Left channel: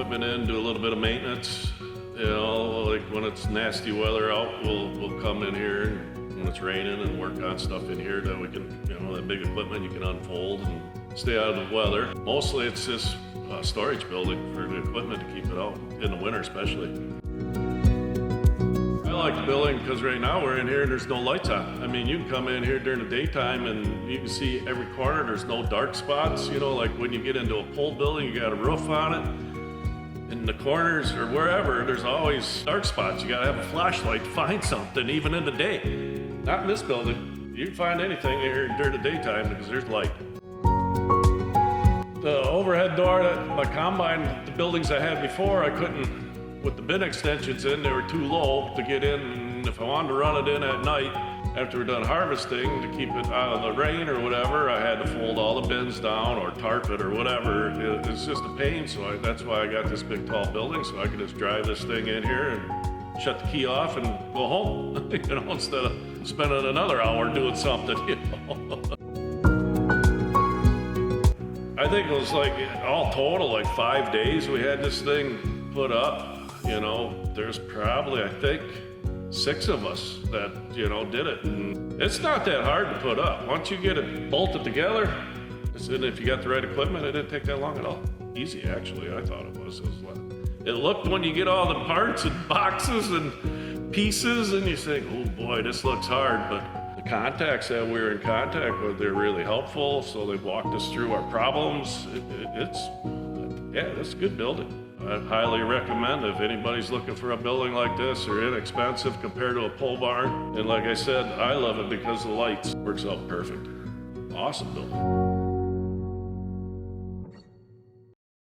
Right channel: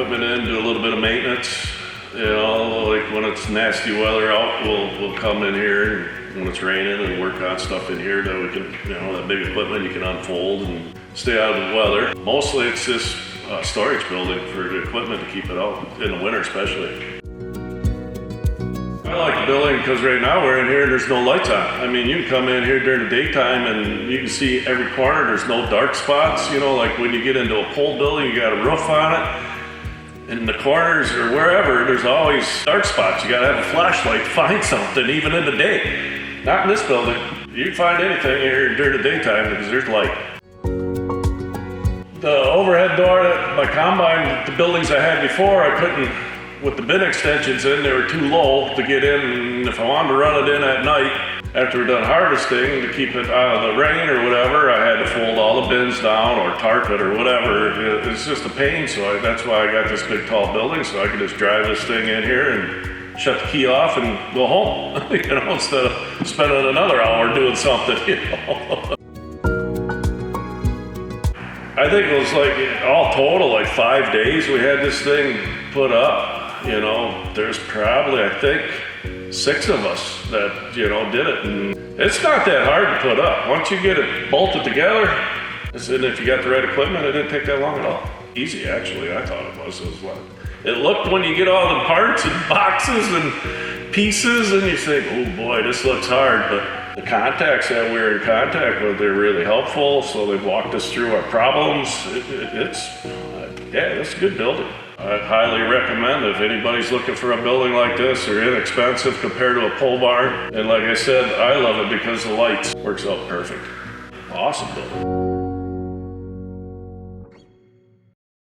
equipment in, do a little bit of maintenance. You know, like when it's nasty weather out, we'll come in here when it's raining and work on stuff in here that we can, you know, that big equipment you can unfold and stay out of the weather. Mostly it's just a storage building for the equipment to keep it out in the winter especially. I like the building because right now we're in here and there's no lights on. I mean, you can come in here during the daytime and you can see every corner. There's no dark spots. You know, like when you get into a pole building, you got a roof on it. In the corners or wherever, there's always dark spots. You gotta have a flashlight to find something, even in the day. Not in this building. You can find anything here during the daytime because there's light. The overhead door at my combine, the buildings I had before, I couldn't, with the bin extensions in, they were too low to get in. And if I wanted to run it in at night, after we're done harvesting, to keep it out of the rain or whatever, I had to fold all the bins down or tarp it or whatever. It's just a pain, so that's why I got this big tall building, so I can just drive this thing in here and shut the key off and go home, you know, instead of spending another hour doing something, you know. I think it was like, all total, like 5 days we had this thing put up, you know. There's probably, I think, 6 of us that, you know, did it. And it's not that hard to put up. Once you get it bolted together, and if you got the right equipment, it didn't take that long at all. Easy, actually, I thought it was. It looked, when you get all the parts and boxes and pieces, and you think, oh boy, this looks hard. But the contacts that we were in contact with, they're really helpful. So they've walked us through our problems. It's a good building. I'd highly recommend if anybody's looking for a building like this. They're inexpensive compared to a pole barn. And like I said, I love it because the lights works out perfect. Awesome building.